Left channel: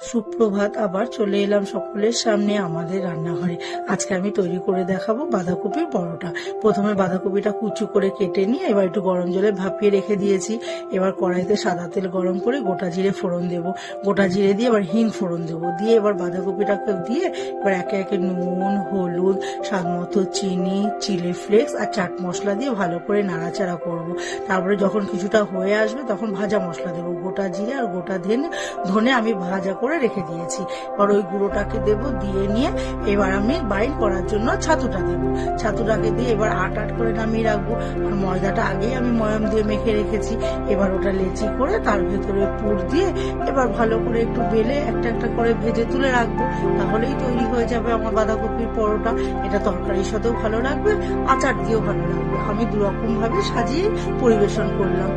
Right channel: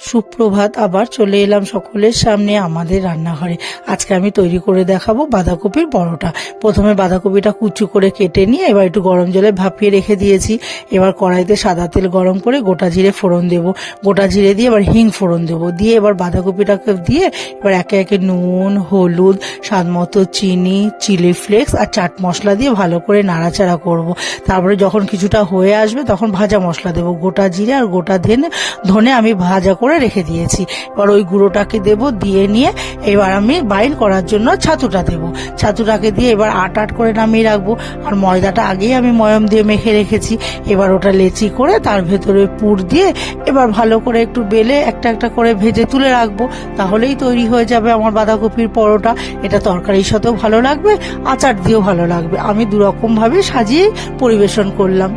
সুপ্রভাত, আবার চলে এলাম সকলের সামনে আমাদের রান্নাঘরে। আজকে আমি তৈরি করে দেখাবো বাঁধাকপির পরোটা। প্রথমে বাঁধাকপিটা কুচি করে কেটে নিয়ে এবার একটু গরম জলে ভাপিয়ে রেখে দিয়েছি। এবার কড়াইতে সাদা তেল গরম করে গোটা জিরে ফোড়ন দেব। গোটা জিরে দিয়ে এবার হিং ফোড়ন দেবো, দিয়ে এবার বাঁধাকপিটাকে দিয়ে এবার একে একে নুন, হলুদ, স্বাদ মতো চিনি, চিলি ফ্লেক্স আর চাট মশলা দিয়ে ভালো করে নাড়াচাড়া করব। তারপরে যখন কিছুটা হয়ে আসবে তখন ভাজা মশলা দেবো। গোটা জিরে আর গোটা ধনে আমি ভাজা করে রেখে দিয়েছি। এবার ওই গুঁড়োটাকে দেব, দিয়ে নিয়ে এবার আমি বাইন্ড করার জন্য ছাতুটা দেব। ছাতুটাকে দিয়ে এবার আট করে নামিয়ে রাখবো। আর ময়দাটা আগেই আমি ময়ম দিয়ে মেখে রেখেছি। এবার ওটা লেচি করে তার ভেতরে পুর দিয়ে এবার ভালো করে একটু বেলে একটা একটা করে ভেজে তুলে রাখবো। তাহলেই তৈরি হয়ে যাবে আমার বাঁধাকপির পরোটা। এটা তরকারির সাথেও ভালো লাগবে, আচার দিয়েও ভালো লাগবে। আমি দুরকম ভাবে সাজিয়ে পরিবেশন করলাম।